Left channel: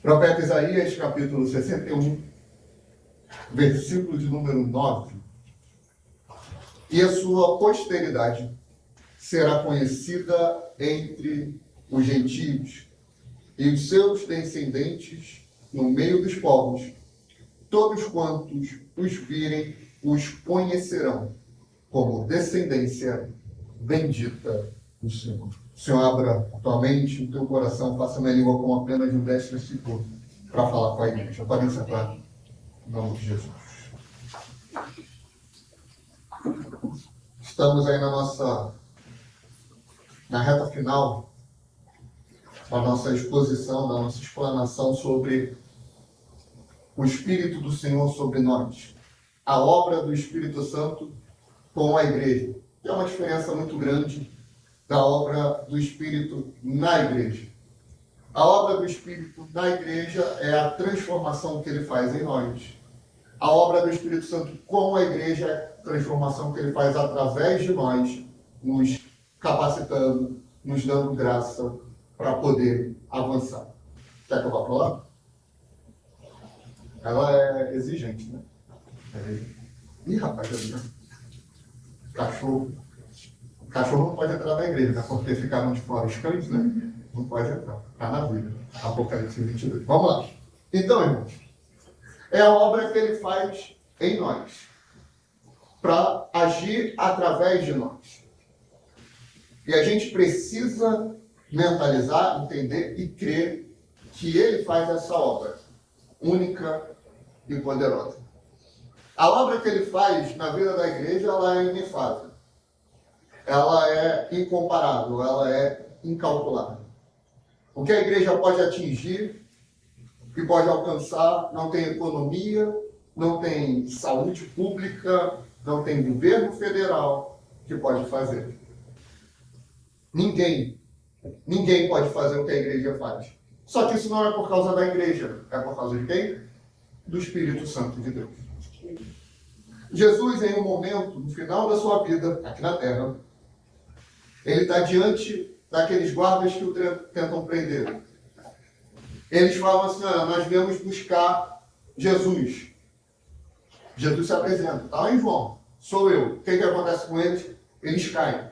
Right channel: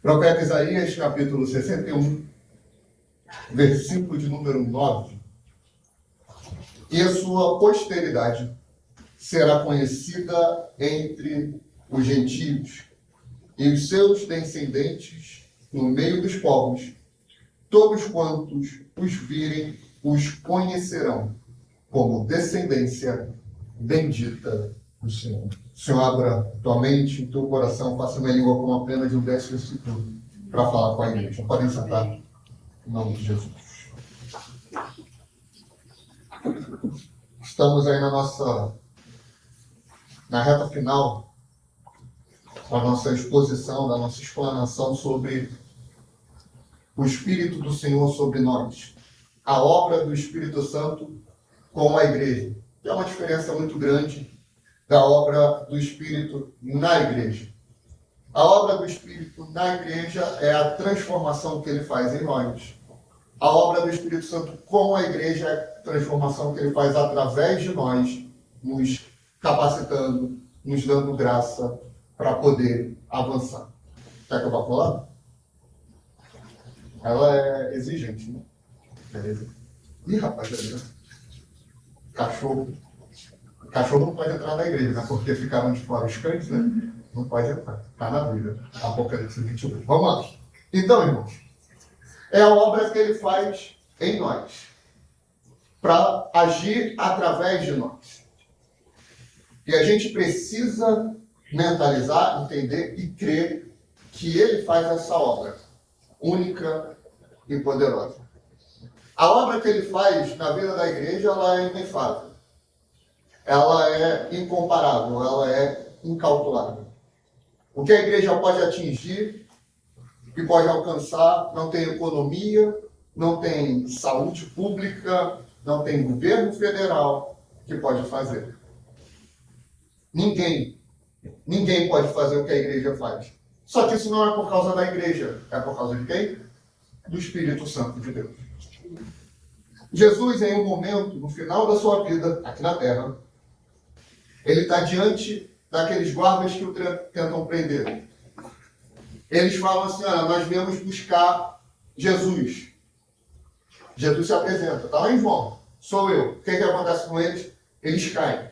Profeta Isaías, capítulo 61, versículo de número 9. E a sua posteridade será conhecida entre os gentios, e os seus descendentes no meio dos povos. Todos quantos os virem, os conhecerão como descendência bendita do Senhor. O Senhor, abra atualmente o teu coração, faça minha língua com apenas um 10 versículo para falar com a igreja. Podem sentar, em nome de Jesus. Estamos aí na reta final da nossa exposição, da nossa explanação sobre o Espírito do Senhor sobre nós. A obra do Espírito Santo com a igreja. Que é uma diferença muito grande da obra do Espírito na igreja. A obra do Espírito na igreja é a transformação que ele faz em nós. A obra do Espírito Santo com a igreja é a transformação que ele faz através de nós, nos capacitando, nos dando graça para poder avançar. Quer que eu vá para lá? Ela é exigente, né? Beleza? Ih, rapaz, né? Cachorro não pode entrar na igreja, né? Porque ficaram de fora os cães, né? Não pode entrar. Está na Bíblia. Apocalipse 22. Vamos lá. Então, irmãos, é a obra que ele faz em nós, para agir através de nós. E a gente precisa mentalizar, entender e crer que ele faz essa obra única e poderosa. A obra que ele faz na vida da igreja, ela é inefável. Ela é incomparável, ela é incalculável. O que a igreja pode atingir e pode alcançar, não tem economia, não tem saúde pública, não tem governo federal que pode fazer. Ninguém pode fazer o que a igreja faz. Só que isso não é por causa da igreja, é por causa de quem? Do Espírito Santo de Deus. Jesus, em um momento, no final da sua vida, aqui na terra, ele está diante daqueles guardas que o tentam prender. Eles falam assim, olha, nós viemos buscar Jesus. Jesus se apresenta, está lá em João, sou eu. O que acontece com eles? Eles caem,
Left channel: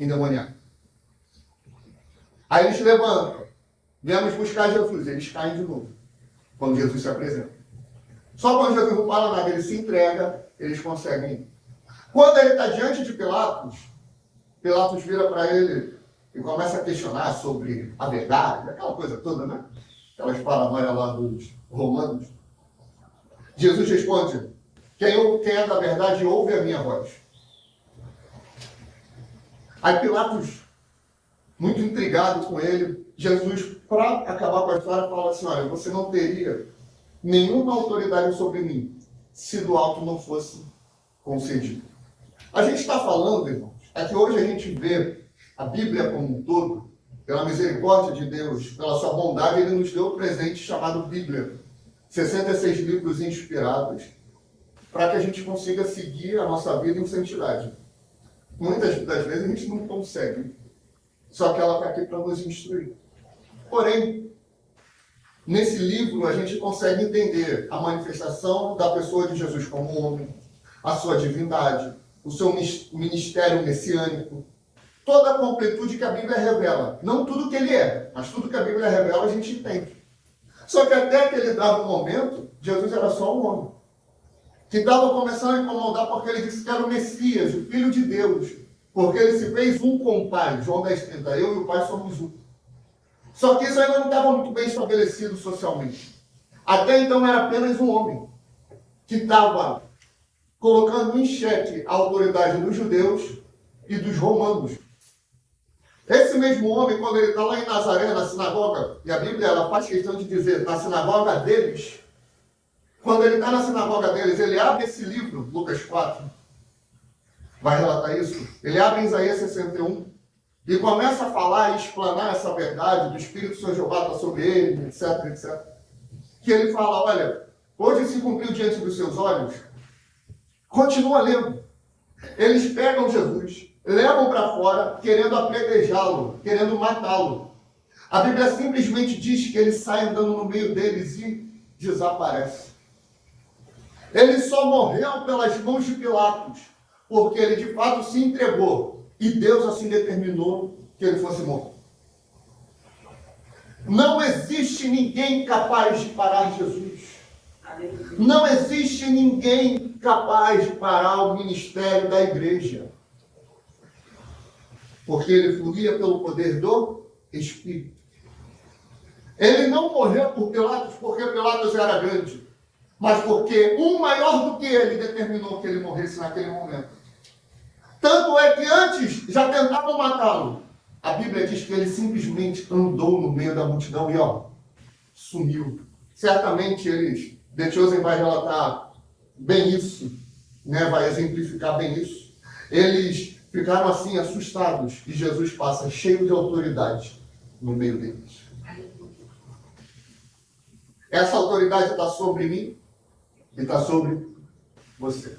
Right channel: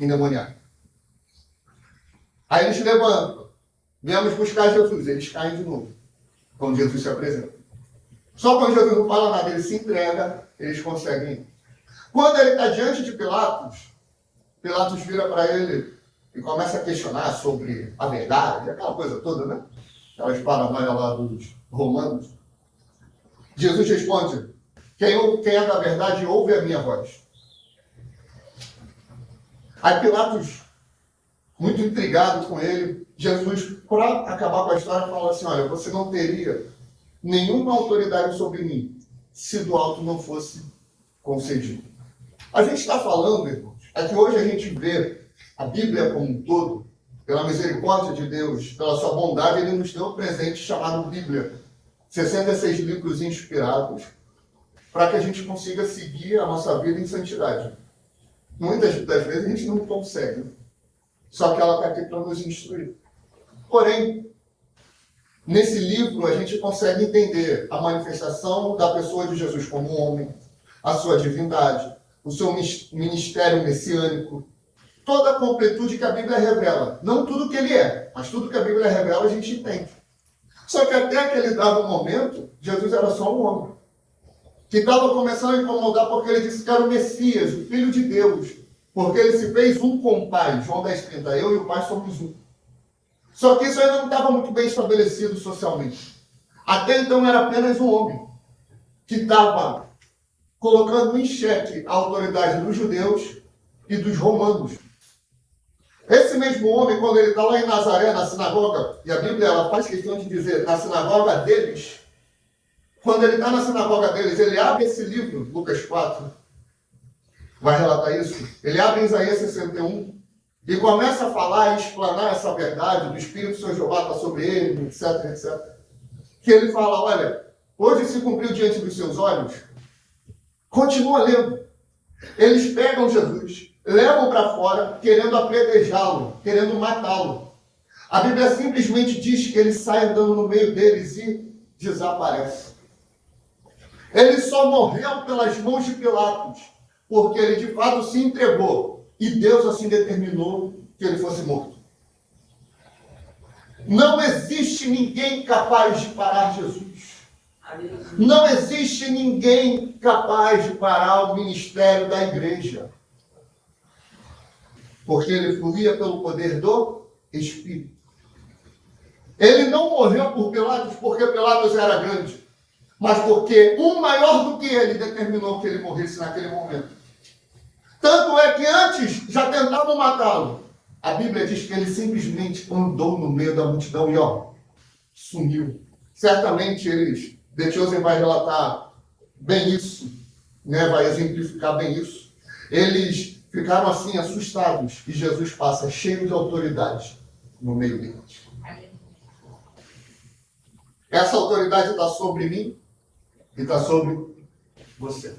endemoniados. Aí eles levantam, viemos buscar Jesus, eles caem de novo, quando Jesus se apresenta. Só quando Jesus não fala nada, ele se entrega, eles conseguem ir. Quando ele está diante de Pilatos, Pilatos vira para ele e começa a questionar sobre a verdade, aquela coisa toda, né? Aquelas paranoias lá dos romanos. Jesus responde, quem é da verdade ouve a minha voz. Aí Pilatos, muito intrigado com ele, Jesus, para acabar com a história, fala assim, olha, você não teria nenhuma autoridade sobre mim, se do alto não fosse concedido. A gente está falando, irmãos, é que hoje a gente vê a Bíblia como um todo, pela misericórdia de Deus, pela sua bondade, ele nos deu um presente chamado Bíblia. 66 livros inspirados, para que a gente consiga seguir a nossa vida em santidade. Muitas das vezes a gente não consegue, só que ela está aqui para nos instruir. Porém, nesse livro a gente consegue entender a manifestação da pessoa de Jesus como homem, a sua divindade, o seu ministério messiânico, toda a completude que a Bíblia revela. Não tudo que ele é, mas tudo que a Bíblia revela a gente entende. Só que até aquele dado momento, Jesus era só um homem, que estava começando a incomodar porque ele disse que era o Messias, o Filho de Deus, porque ele se fez um com o Pai. João 10,30, eu e o Pai somos um. Só que isso ainda não estava muito bem estabelecido socialmente. Até então era apenas um homem que estava colocando em xeque a autoridade dos judeus e dos romanos. Esse mesmo homem, quando ele está lá em Nazaré, na sinagoga, e a Bíblia ela faz questão de dizer, na sinagoga deles, quando ele está na sinagoga deles, ele abre esse livro, Lucas 4, vai relatar isso, ele abre em Isaías 61, e começa a falar e explanar essa verdade do Espírito do Senhor Jeová está sobre ele, etc, etc. Que ele fala, olha, hoje se cumpriu diante dos seus olhos, continua lendo. Eles pegam Jesus, levam para fora, querendo apedrejá-lo, querendo matá-lo. A Bíblia simplesmente diz que ele sai andando no meio deles e desaparece. Ele só morreu pelas mãos de Pilatos, porque ele de fato se entregou. E Deus assim determinou que ele fosse morto. Não existe ninguém capaz de parar Jesus. Não existe ninguém capaz de parar o ministério da igreja. Porque ele fluía pelo poder do Espírito. Ele não morreu por Pilatos porque Pilatos era grande, mas porque um maior do que ele determinou que ele morresse naquele momento. Tanto é que antes já tentavam matá-lo. A Bíblia diz que ele simplesmente andou no meio da multidão e sumiu. Certamente The Chosen vai relatar bem isso, né? Vai exemplificar bem isso. Eles ficaram assim assustados e Jesus passa cheio de autoridade no meio deles. Essa autoridade está sobre mim e está sobre você.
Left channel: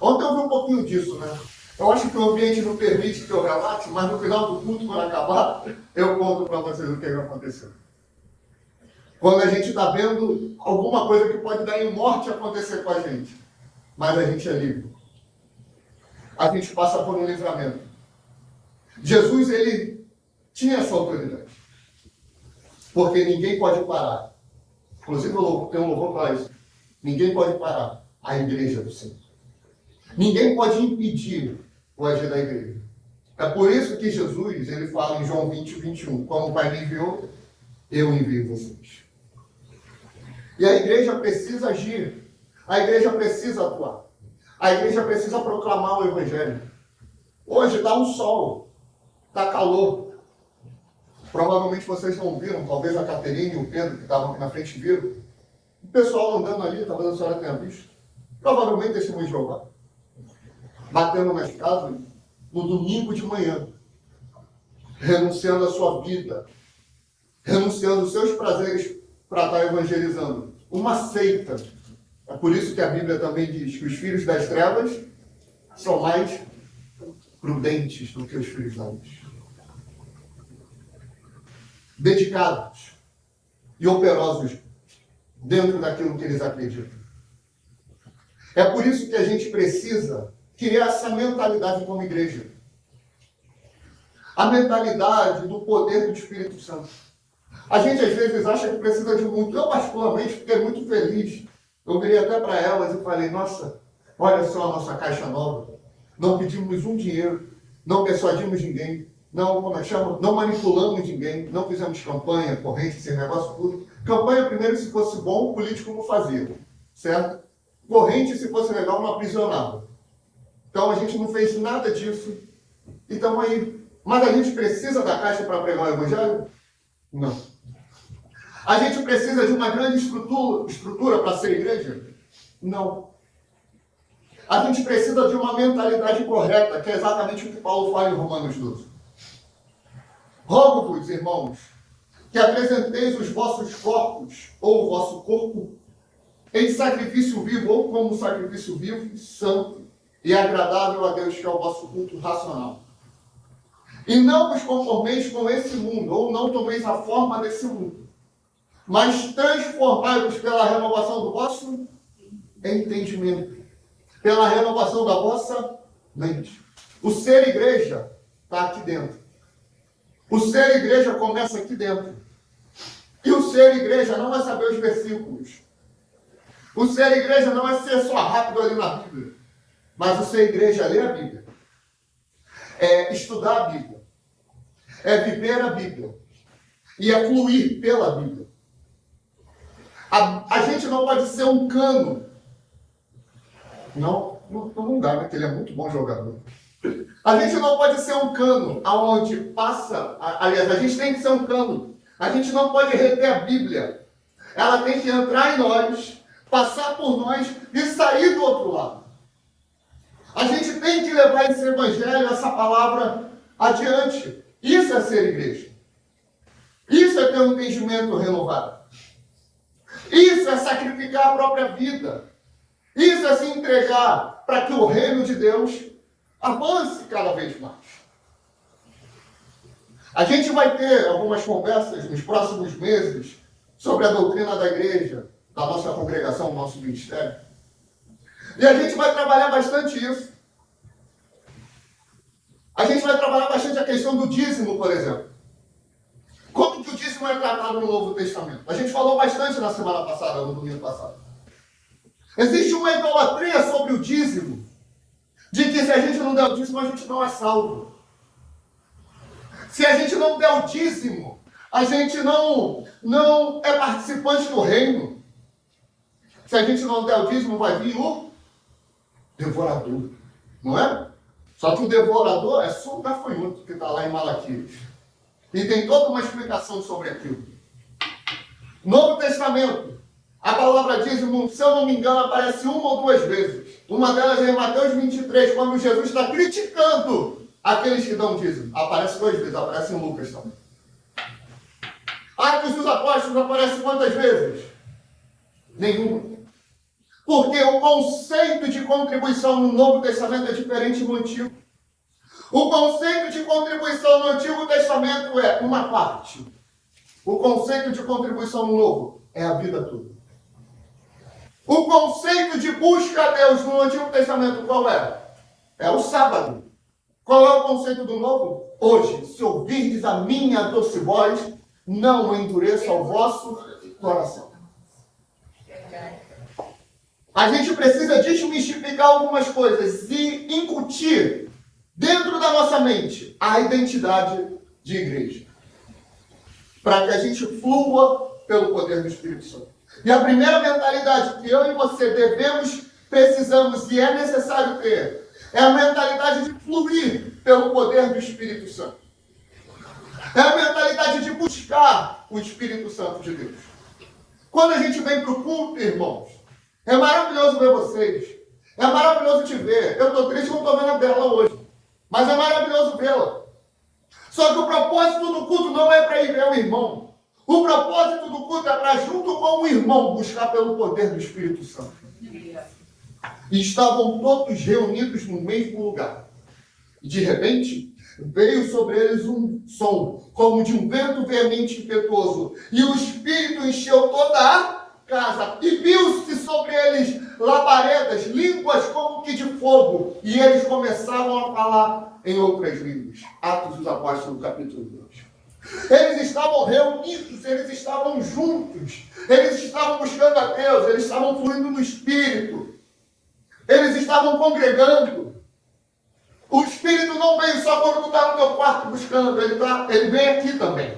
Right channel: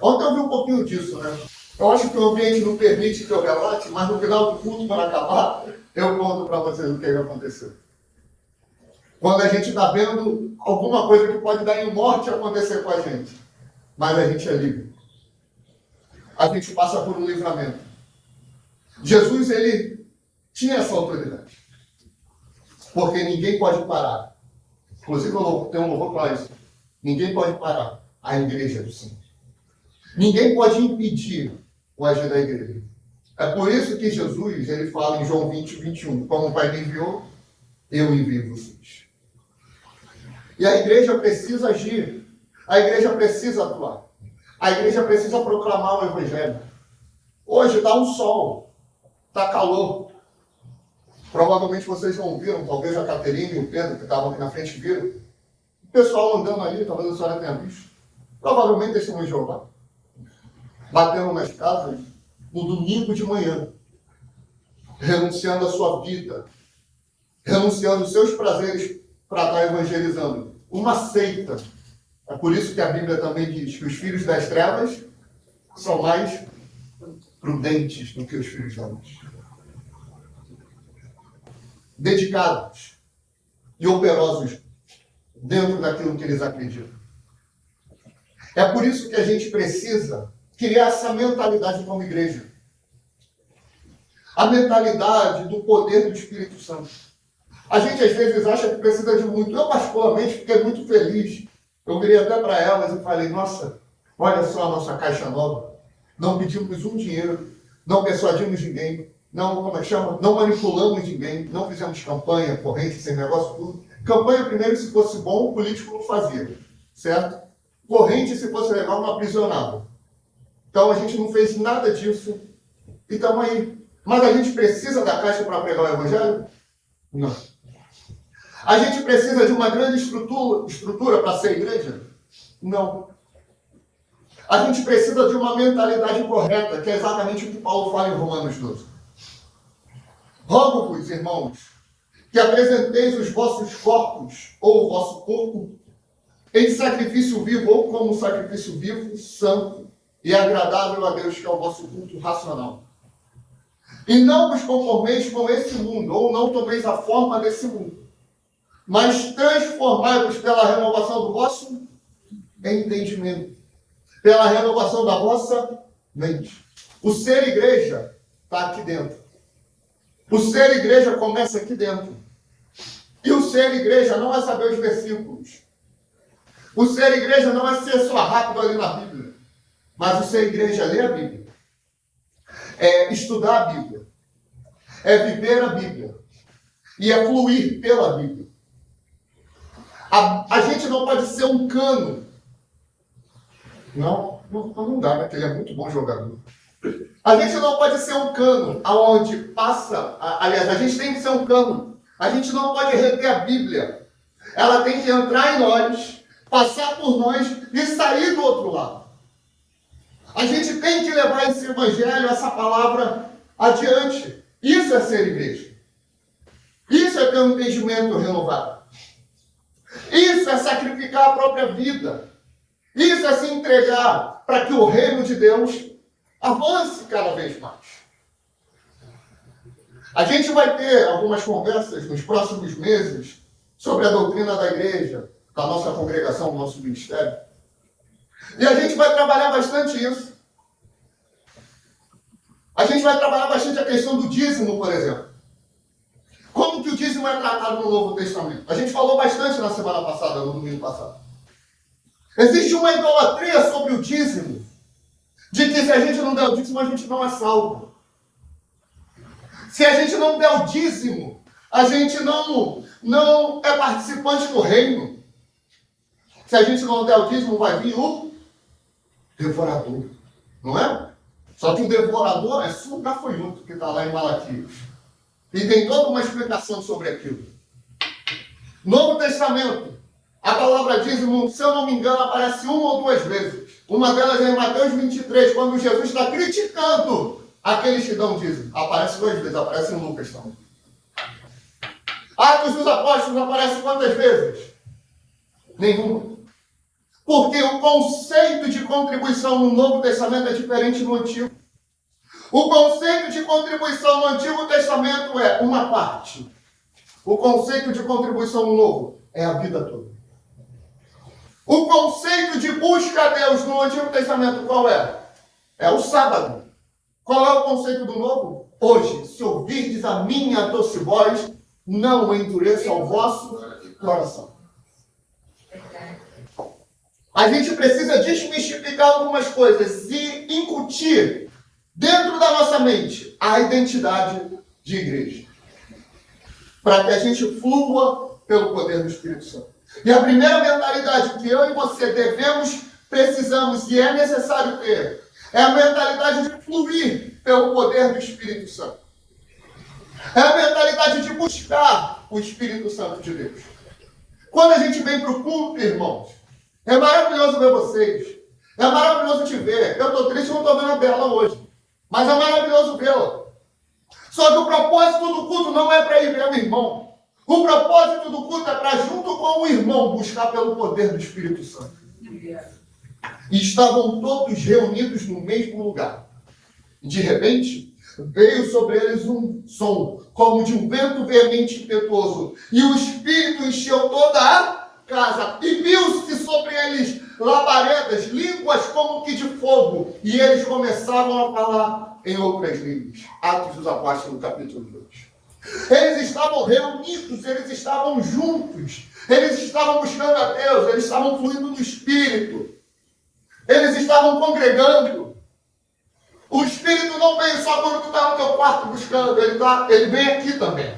Ontem eu vi um pouquinho disso, né? Eu acho que o ambiente não permite que eu relate, mas no final do culto, quando acabar, eu conto para vocês o que aconteceu. Quando a gente está vendo alguma coisa que pode dar em morte acontecer com a gente, mas a gente é livre. A gente passa por um livramento. Jesus, ele tinha essa autoridade. Porque ninguém pode parar. Inclusive, tem um louvor para isso. Ninguém pode parar a igreja do Senhor. Ninguém pode impedir o agir da igreja. É por isso que Jesus, ele fala em João 20, 21, como o Pai me enviou, eu envio vocês. E a igreja precisa agir. A igreja precisa atuar. A igreja precisa proclamar o Evangelho. Hoje está um sol, está calor. Provavelmente vocês não viram, talvez a Caterine e o Pedro, que estavam aqui na frente, viram. O pessoal andando ali, talvez a senhora tenha visto. Provavelmente testemunho de Jeová. Batendo nas casas no domingo de manhã. Renunciando à sua vida. Renunciando aos seus prazeres para estar evangelizando. Uma seita. É por isso que a Bíblia também diz que os filhos das trevas são mais prudentes do que os filhos da luz. Dedicados e operosos dentro daquilo que eles acreditam. É por isso que a gente precisa criar essa mentalidade como igreja. A mentalidade do poder do Espírito Santo. A gente às vezes acha que precisa de muito. Eu particularmente fiquei muito feliz. Eu virei até para elas e falei, nossa, olha só a nossa caixa nova. Não pedimos um dinheiro, não persuadimos ninguém, não manipulamos ninguém, não fizemos campanha, corrente, sem negócio tudo. Campanha, primeiro, se fosse bom, o político não fazia, certo? Corrente, se fosse legal, não aprisionava. Então, a gente não fez nada disso e estamos aí. Mas a gente precisa da caixa para pregar o Evangelho? Não. A gente precisa de uma grande estrutura para ser igreja? Não. A gente precisa de uma mentalidade correta, que é exatamente o que Paulo fala em Romanos 12. Rogo-vos, irmãos, que apresenteis os vossos corpos, ou o vosso corpo, em sacrifício vivo, ou como sacrifício vivo, santo e agradável a Deus, que é o vosso culto racional. E não vos conformeis com esse mundo, ou não tomeis a forma desse mundo, mas transformai-vos pela renovação do vosso entendimento, pela renovação da vossa mente. O ser igreja está aqui dentro. O ser igreja começa aqui dentro. E o ser igreja não é saber os versículos. O ser igreja não é ser só rápido ali na Bíblia. Mas o ser igreja é ler a Bíblia. É estudar a Bíblia. É viver a Bíblia. E é fluir pela Bíblia. A gente não pode ser um cano. Não dá, né? Porque ele é muito bom jogador. A gente não pode ser um cano aonde passa... Aliás, a gente tem que ser um cano. A gente não pode reter a Bíblia. Ela tem que entrar em nós, passar por nós e sair do outro lado. A gente tem que levar esse evangelho, essa palavra adiante. Isso é ser igreja. Isso é ter um entendimento renovado. Isso é sacrificar a própria vida. Isso é se entregar para que o reino de Deus avance cada vez mais. A gente vai ter algumas conversas nos próximos meses sobre a doutrina da igreja, da nossa congregação, do nosso ministério. E a gente vai trabalhar bastante isso. A gente vai trabalhar bastante a questão do dízimo, por exemplo. Como que o dízimo é tratado no Novo Testamento? A gente falou bastante na semana passada, no domingo passado. Existe uma idolatria sobre o dízimo, de que se a gente não der o dízimo, a gente não é salvo. Se a gente não der o dízimo, a gente não é participante do reino. Se a gente não der o dízimo, vai vir o devorador, não é? Só que o devorador é só o gafanhoto que está lá em Malaquias. E tem toda uma explicação sobre aquilo. Novo Testamento, a palavra dízimo, se eu não me engano, aparece uma ou duas vezes. Uma delas é em Mateus 23, quando Jesus está criticando aqueles que dão dízimo. Aparece duas vezes, aparece em Lucas também. Atos dos Apóstolos aparece quantas vezes? Nenhuma. Porque o conceito de contribuição no Novo Testamento é diferente do Antigo. O conceito de contribuição no Antigo Testamento é uma parte. O conceito de contribuição no Novo é a vida toda. O conceito de busca a Deus no Antigo Testamento qual é? É o sábado. Qual é o conceito do Novo? Hoje, se ouvirdes a minha doce voz, não endureça o vosso coração. A gente precisa desmistificar algumas coisas e incutir dentro da nossa mente a identidade de igreja. Para que a gente flua pelo poder do Espírito Santo. E a primeira mentalidade que eu e você devemos, precisamos e é necessário ter, é a mentalidade de fluir pelo poder do Espírito Santo. É a mentalidade de buscar o Espírito Santo de Deus. Quando a gente vem para o culto, irmãos, é maravilhoso ver vocês. É maravilhoso te ver. Eu estou triste, não estou vendo a dela hoje. Mas é maravilhoso vê-la. Só que o propósito do culto não é para ir ver o irmão. O propósito do culto é para, junto com o irmão, buscar pelo poder do Espírito Santo. E estavam todos reunidos no mesmo lugar. E de repente, veio sobre eles um som, como de um vento veemente e impetuoso. E o Espírito encheu toda a casa. E viu-se sobre eles labaredas, línguas como que de fogo. E eles começavam a falar em outras línguas. Atos dos Apóstolos, capítulo 2. Eles estavam reunidos, eles estavam juntos. Eles estavam buscando a Deus, eles estavam fluindo no Espírito. Eles estavam congregando. O Espírito não vem só quando tu está no teu quarto buscando, ele vem aqui também.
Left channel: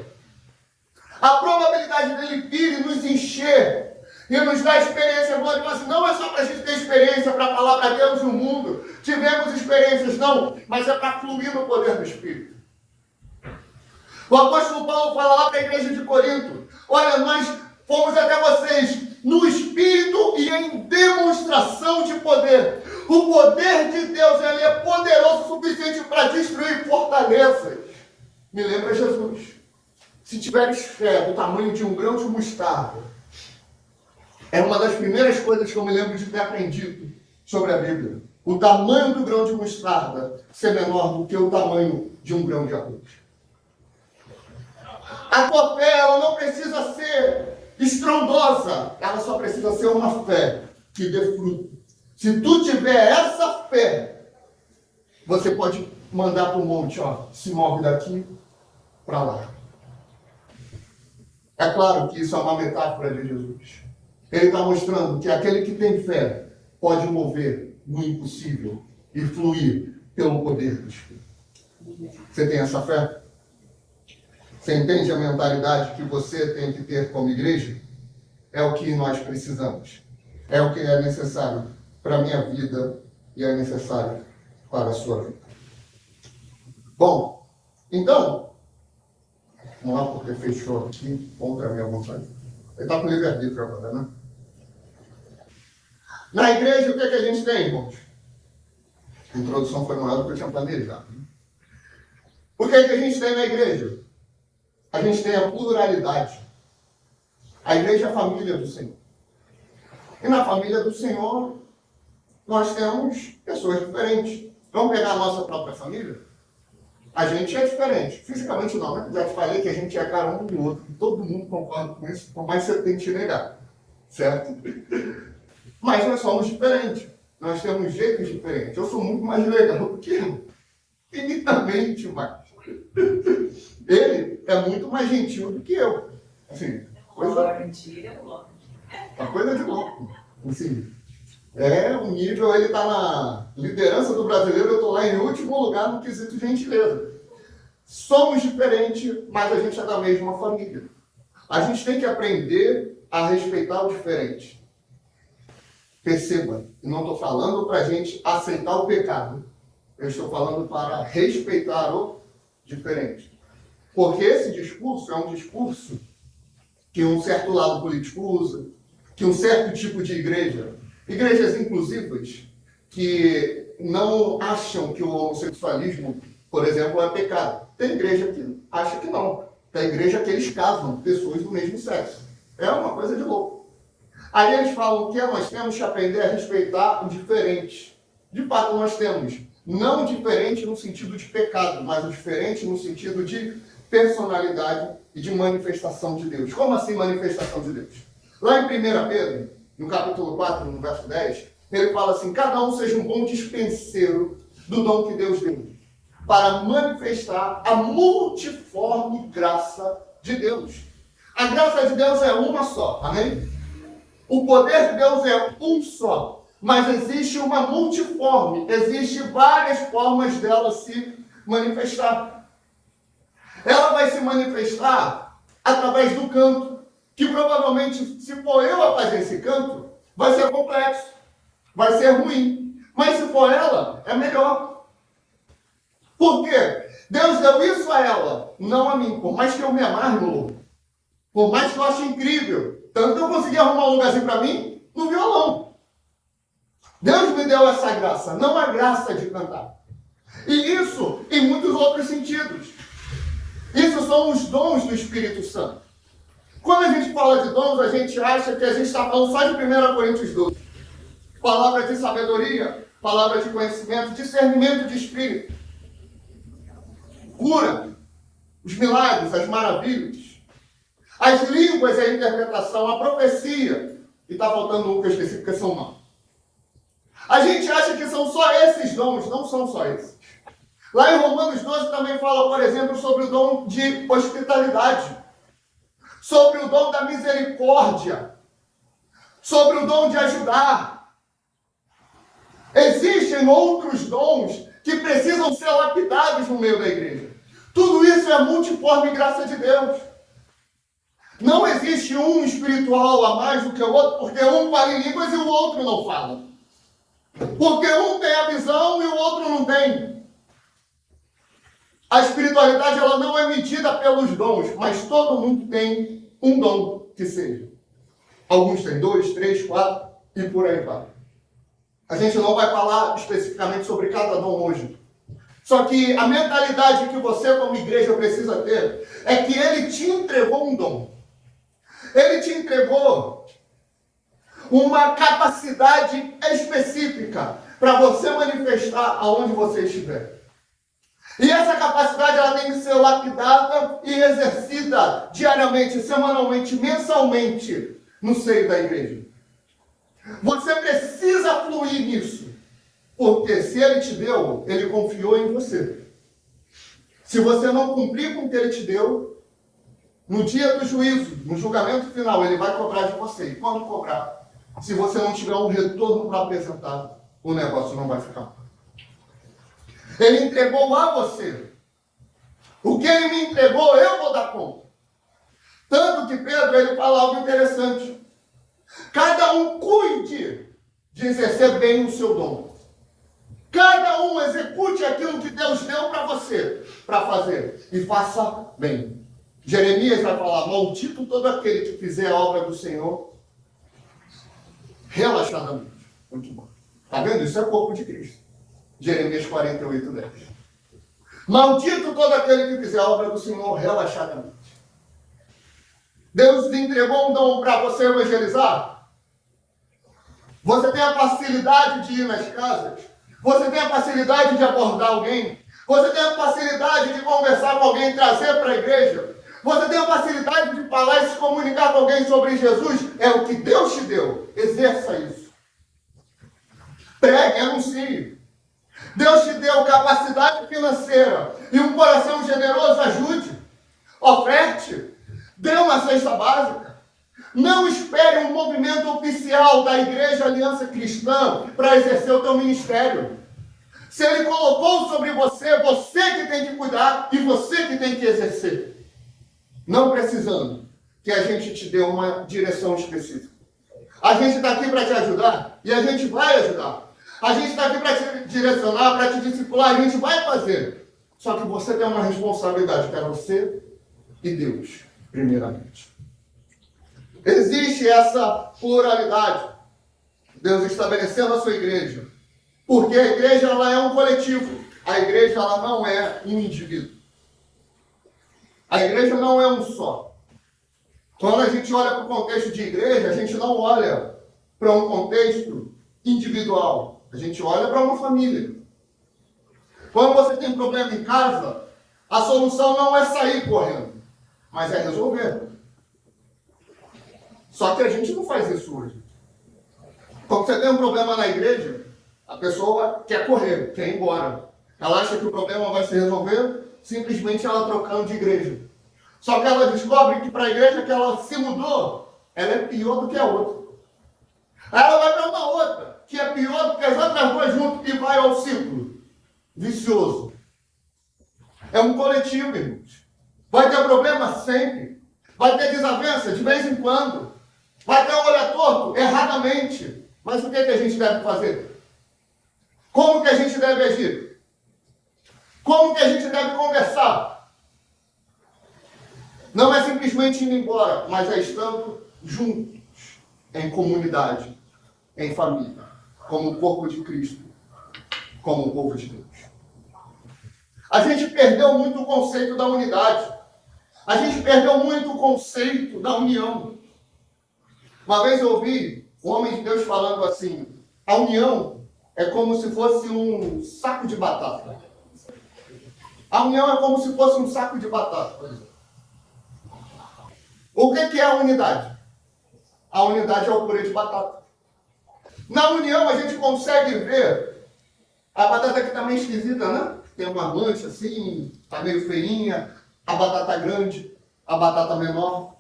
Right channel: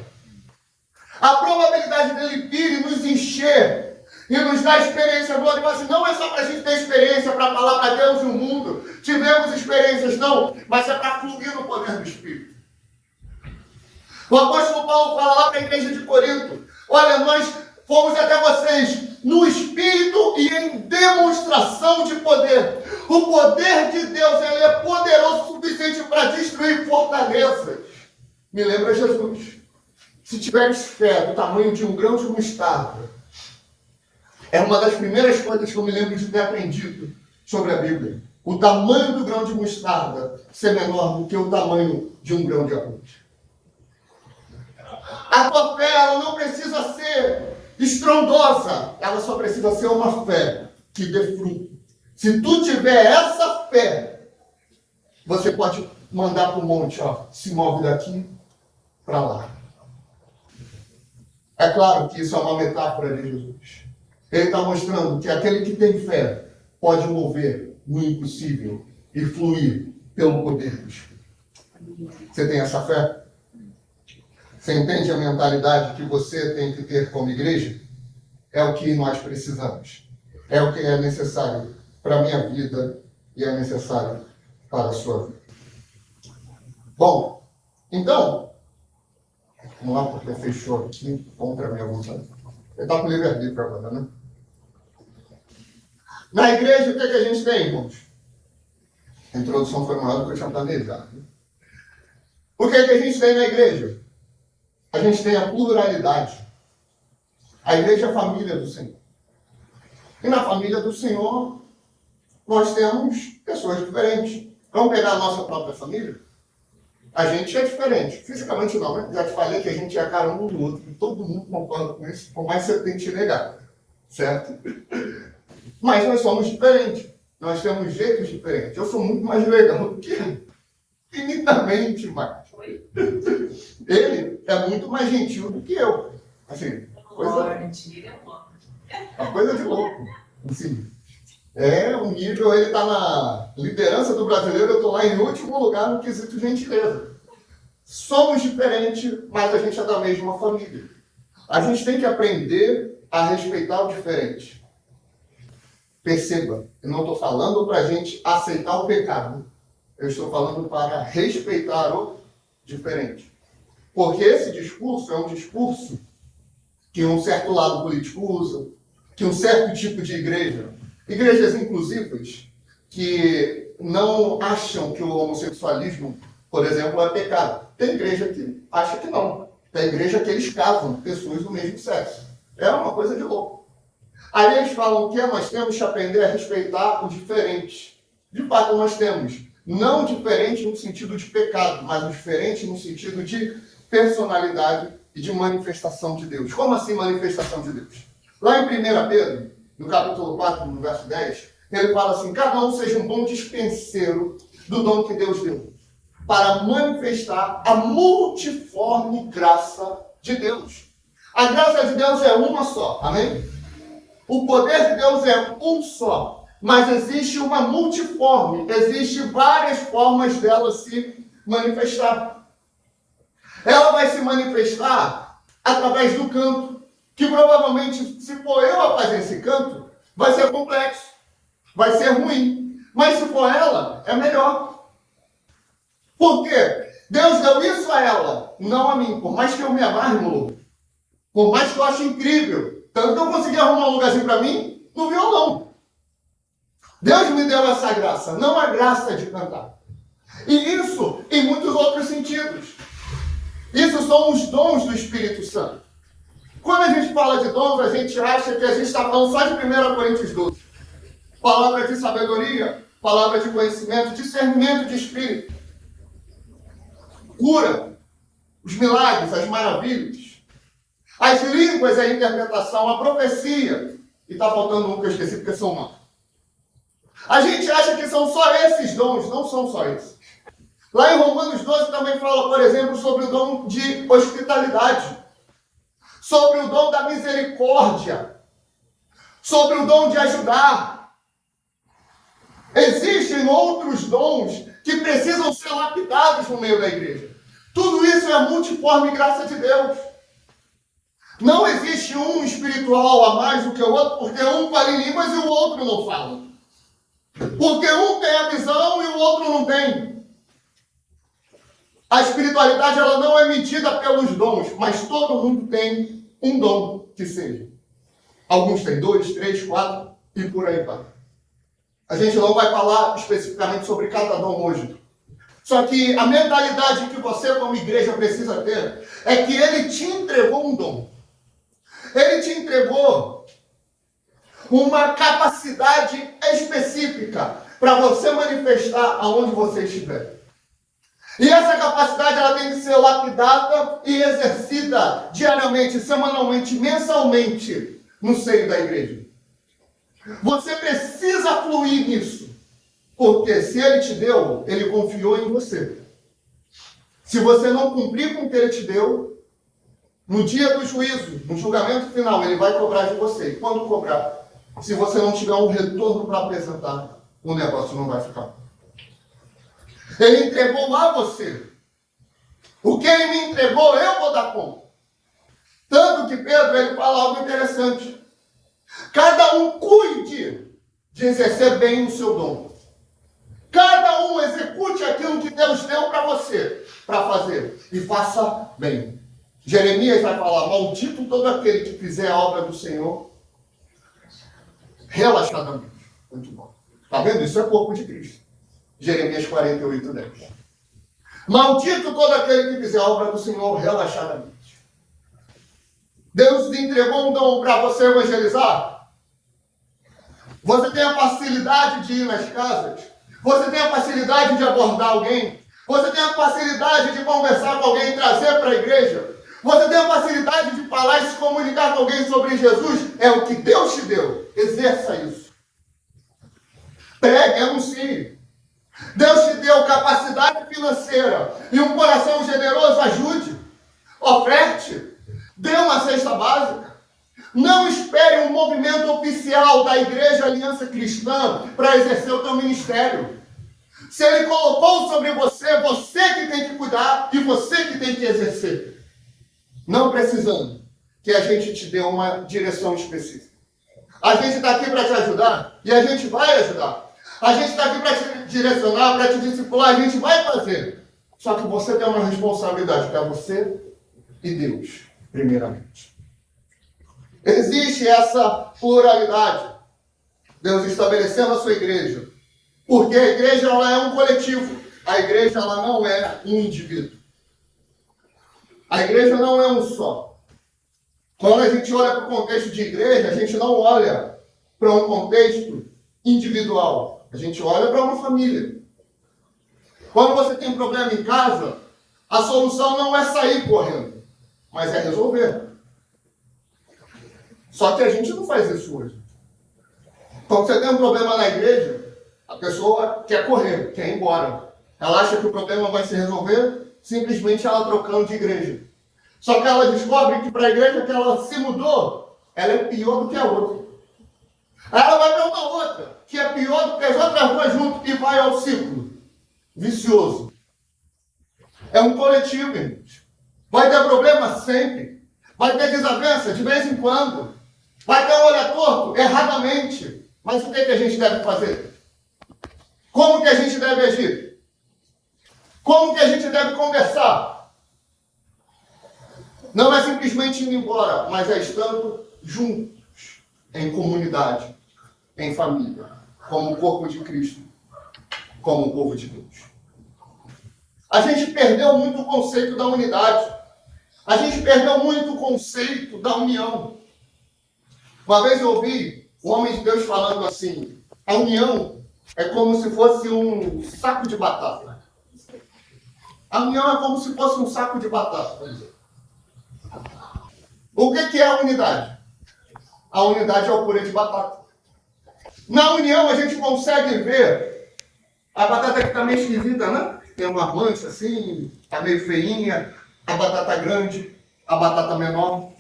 A probabilidade dele vir e nos encher e nos dar experiência gloriosa não é só para a gente ter experiência para falar para Deus e o mundo. Tivemos experiências, não, mas é para fluir no poder do Espírito. O apóstolo Paulo fala lá para a igreja de Corinto: olha, nós fomos até vocês no Espírito e em demonstração de poder. O poder de Deus, ele é poderoso o suficiente para destruir fortalezas. Me lembra Jesus. Se tiveres fé do tamanho de um grão de mostarda, é uma das primeiras coisas que eu me lembro de ter aprendido sobre a Bíblia. O tamanho do grão de mostarda ser menor do que o tamanho de um grão de arroz. A tua fé, ela não precisa ser estrondosa, ela só precisa ser uma fé que dê fruto. Se tu tiver essa fé, você pode mandar para o monte, ó, se move daqui para lá. É claro que isso é uma metáfora de Jesus. Ele está mostrando que aquele que tem fé pode mover no impossível e fluir pelo poder do Espírito. Você tem essa fé? Você entende a mentalidade que você tem que ter como igreja? É o que nós precisamos. É o que é necessário para a minha vida e é necessário para a sua vida. Bom, então, vamos lá, porque fechou aqui contra a minha vontade. Ele está com livre-arbítrio agora, né? Na igreja, o que, é que a gente tem, irmãos? A introdução foi maior do que eu tinha planejado. Né? O que, é que a gente tem na igreja? A gente tem a pluralidade. A igreja é a família do Senhor. E na família do Senhor, nós temos pessoas diferentes. Vamos pegar a nossa própria família? A gente é diferente. Fisicamente não, né? Já te falei que a gente é a cara um do outro. E todo mundo concorda com isso, por mais que você tente negar. Certo? Mas nós somos diferentes. Nós temos jeitos diferentes. Eu sou muito mais legal do que ele. Infinitamente mais. Ele é muito mais gentil do que eu. Assim, uma coisa de louco. Assim, o nível, ele está na liderança do brasileiro, eu estou lá em último lugar no quesito gentileza. Somos diferentes, mas a gente é da mesma família. A gente tem que aprender a respeitar o diferente. Perceba, eu não estou falando para a gente aceitar o pecado. Eu estou falando para respeitar o diferente. Porque esse discurso é um discurso que um certo lado político usa, que um certo tipo de igrejas inclusivas, que não acham que o homossexualismo, por exemplo, é pecado. Tem igreja que acha que não. Tem igreja que eles casam pessoas do mesmo sexo. É uma coisa de louco. Aí eles falam que nós temos que aprender a respeitar o diferente. De fato, nós temos. Não diferente no sentido de pecado, mas o diferente no sentido de personalidade e de manifestação de Deus. Como assim manifestação de Deus? Lá em 1 Pedro, no capítulo 4, no verso 10, ele fala assim: cada um seja um bom dispenseiro do dom que Deus deu, para manifestar a multiforme graça de Deus. A graça de Deus é uma só, amém? O poder de Deus é um só, mas existe uma multiforme, existe várias formas dela se manifestar. Ela vai se manifestar através do canto, que provavelmente, se for eu a fazer esse canto, vai ser complexo, vai ser ruim. Mas se for ela, é melhor. Por quê? Deus deu isso a ela, não a mim. Por mais que eu me amarre no louvor, por mais que eu ache incrível, tanto que eu consegui arrumar um lugarzinho para mim no violão. Deus me deu essa graça, não a graça de cantar. E isso em muitos outros sentidos. Isso são os dons do Espírito Santo. Quando a gente fala de dons, a gente acha que a gente está falando só de 1 Coríntios 12. Palavra de sabedoria, palavra de conhecimento, discernimento de espírito, cura, os milagres, as maravilhas, as línguas e a interpretação, a profecia. E está faltando um que eu esqueci porque são maus. A gente acha que são só esses dons, não são só esses. Lá em Romanos 12 também fala, por exemplo, sobre o dom de hospitalidade, sobre o dom da misericórdia, sobre o dom de ajudar. Existem outros dons que precisam ser lapidados no meio da igreja. Tudo isso é a multiforme graça de Deus. Não existe um espiritual a mais do que o outro, porque um fala em línguas e o outro não fala. Porque um tem a visão e o outro não tem. A espiritualidade, ela não é medida pelos dons, mas todo mundo tem um dom que seja. Alguns têm 2, 3, 4 e por aí vai. A gente não vai falar especificamente sobre cada dom hoje. Só que a mentalidade que você como igreja precisa ter é que ele te entregou um dom. Ele te entregou uma capacidade específica para você manifestar aonde você estiver. E essa capacidade ela tem que ser lapidada e exercida diariamente, semanalmente, mensalmente no seio da igreja. Você precisa fluir nisso, porque se ele te deu, ele confiou em você. Se você não cumprir com o que ele te deu, no dia do juízo, no julgamento final, ele vai cobrar de você. E quando cobrar, se você não tiver um retorno para apresentar, o negócio não vai ficar. Ele entregou a você. O que ele me entregou, eu vou dar conta. Tanto que Pedro, ele fala algo interessante. Cada um cuide de exercer bem o seu dom. Cada um execute aquilo que Deus deu para você, para fazer. E faça bem. Jeremias vai falar, maldito todo aquele que fizer a obra do Senhor relaxadamente. Muito bom. Está vendo? Isso é o corpo de Cristo. Jeremias 48, 10. Maldito todo aquele que fizer a obra do Senhor relaxadamente. Deus te entregou um dom para você evangelizar? Você tem a facilidade de ir nas casas? Você tem a facilidade de abordar alguém? Você tem a facilidade de conversar com alguém e trazer para a igreja. Você tem a facilidade de falar e se comunicar com alguém sobre Jesus. É o que Deus te deu. Exerça isso. Pregue, anuncie. Deus te deu capacidade financeira e um coração generoso. Ajude. Oferte. Dê uma cesta básica. Não espere um movimento oficial da Igreja Aliança Cristã para exercer o teu ministério. Se Ele colocou sobre você, você que tem que cuidar e você que tem que exercer. Não precisando que a gente te dê uma direção específica. A gente está aqui para te ajudar e a gente vai ajudar. A gente está aqui para te direcionar, para te discipular, a gente vai fazer. Só que você tem uma responsabilidade, que é você e Deus, primeiramente. Existe essa pluralidade. Deus estabelecendo a sua igreja. Porque a igreja ela é um coletivo. A igreja ela não é um indivíduo. A igreja não é um só. Quando a gente olha para o contexto de igreja, a gente não olha para um contexto individual. A gente olha para uma família. Quando você tem problema em casa, a solução não é sair correndo, mas é resolver. Só que a gente não faz isso hoje. Quando você tem um problema na igreja, a pessoa quer correr, quer ir embora. Ela acha que o problema vai se resolver simplesmente ela trocando de igreja. Só que ela descobre que para a igreja que ela se mudou, ela é pior do que a outra. Aí ela vai para uma outra, que é pior do que as outras duas juntas, e vai ao ciclo vicioso. É um coletivo, irmãos. Vai ter problema sempre. Vai ter desavença de vez em quando. Vai ter um olhar torto, erradamente. Mas o que a gente deve fazer? Como que a gente deve agir? Como que a gente deve conversar? Não é simplesmente indo embora, mas é estando juntos, em comunidade, em família, como o corpo de Cristo, como o povo de Deus. A gente perdeu muito o conceito da unidade. A gente perdeu muito o conceito da união. Uma vez eu ouvi um homem de Deus falando assim, a união é como se fosse um saco de batata. A união é como se fosse um saco de batata, por exemplo. O que é a unidade? A unidade é o purê de batata. Na união a gente consegue ver a batata que está meio esquisita, né? Tem uma mancha assim, está meio feinha, a batata grande, a batata menor.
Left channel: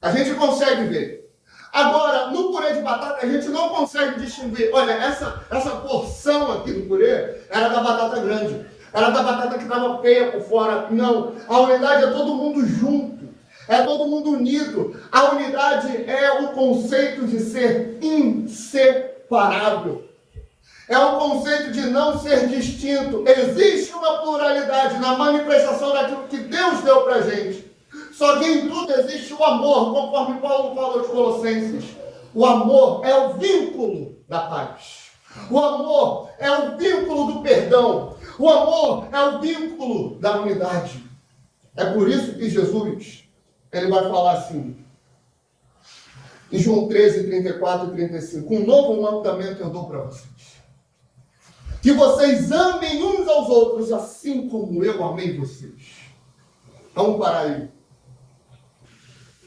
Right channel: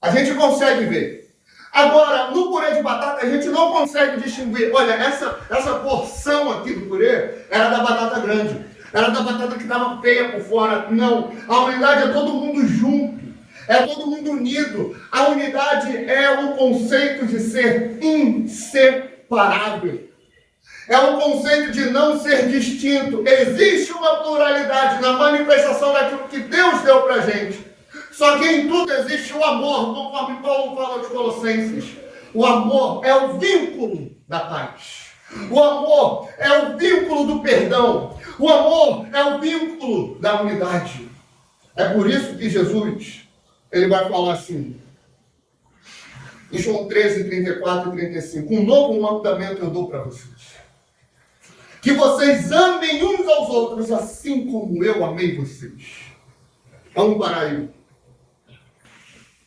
A gente consegue ver. Agora, no purê de batata, a gente não consegue distinguir. Olha, essa porção aqui do purê era da batata grande. Era da batata que estava feia por fora. Não. A unidade é todo mundo junto. É todo mundo unido. A unidade é o conceito de ser inseparável. É o conceito de não ser distinto. Existe uma pluralidade na manifestação daquilo que Deus deu para a gente. Só que em tudo existe o amor, conforme Paulo fala aos Colossenses. O amor é o vínculo da paz. O amor é o vínculo do perdão. O amor é o vínculo da unidade. É por isso que Jesus, ele vai falar assim, em João 13, 34 e 35, um novo mandamento eu dou para vocês. Que vocês amem uns aos outros, assim como eu amei vocês. Vamos parar aí.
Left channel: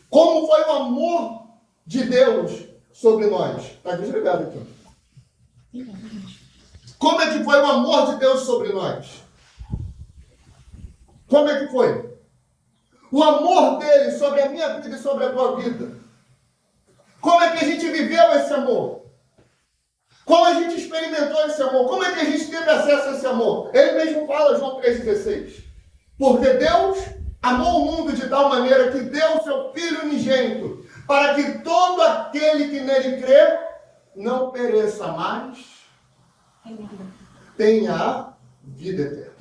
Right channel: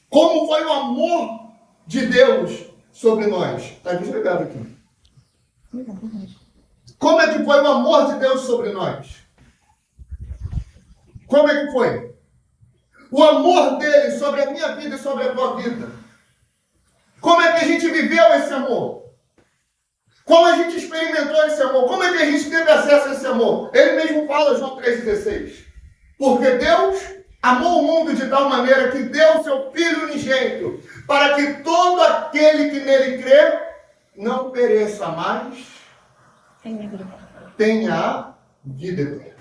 Como foi o amor de Deus sobre nós? Está desligado aqui. Como é que foi o amor de Deus sobre nós? Como é que foi? O amor dele sobre a minha vida e sobre a tua vida. Como é que a gente viveu esse amor? Como a gente experimentou esse amor? Como é que a gente teve acesso a esse amor? Ele mesmo fala, João 3,16. Porque Deus amou o mundo de tal maneira que deu o seu Filho unigênito, para que todo aquele que nele crê não pereça mais, tenha a vida eterna.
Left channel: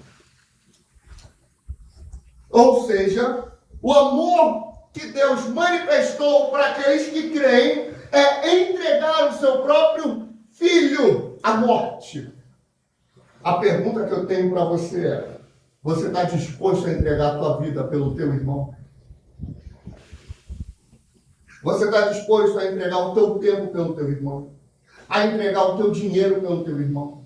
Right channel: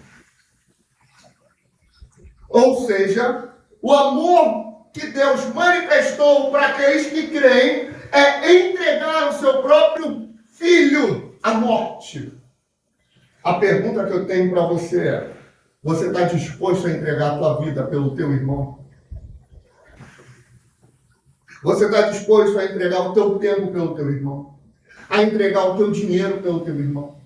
Ou seja, o amor que Deus manifestou para aqueles que creem é entregar o seu próprio Filho à morte. A pergunta que eu tenho para você é: você está disposto a entregar a tua vida pelo teu irmão? Você está disposto a entregar o teu tempo pelo teu irmão? A entregar o teu dinheiro pelo teu irmão?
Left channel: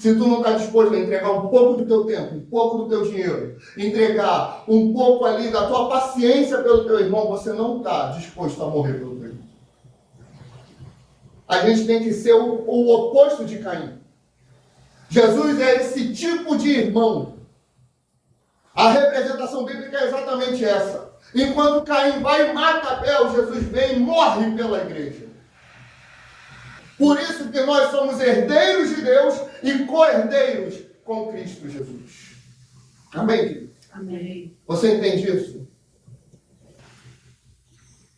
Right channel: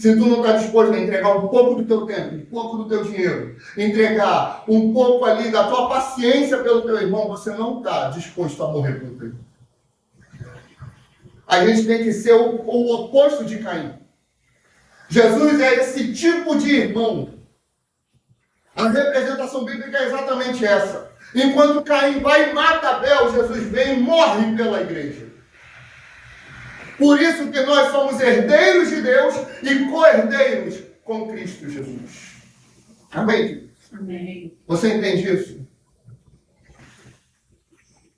se tu não está disposto a entregar um pouco do teu tempo, um pouco do teu dinheiro, entregar um pouco ali da tua paciência pelo teu irmão, você não está disposto a morrer pelo teu irmão. A gente tem que ser o oposto de Caim. Jesus é esse tipo de irmão. A representação bíblica é exatamente essa. Enquanto Caim vai e mata Abel, Jesus vem e morre pela igreja. Por isso que nós somos herdeiros de Deus e co-herdeiros com Cristo Jesus. Amém? Amém. Você entende isso?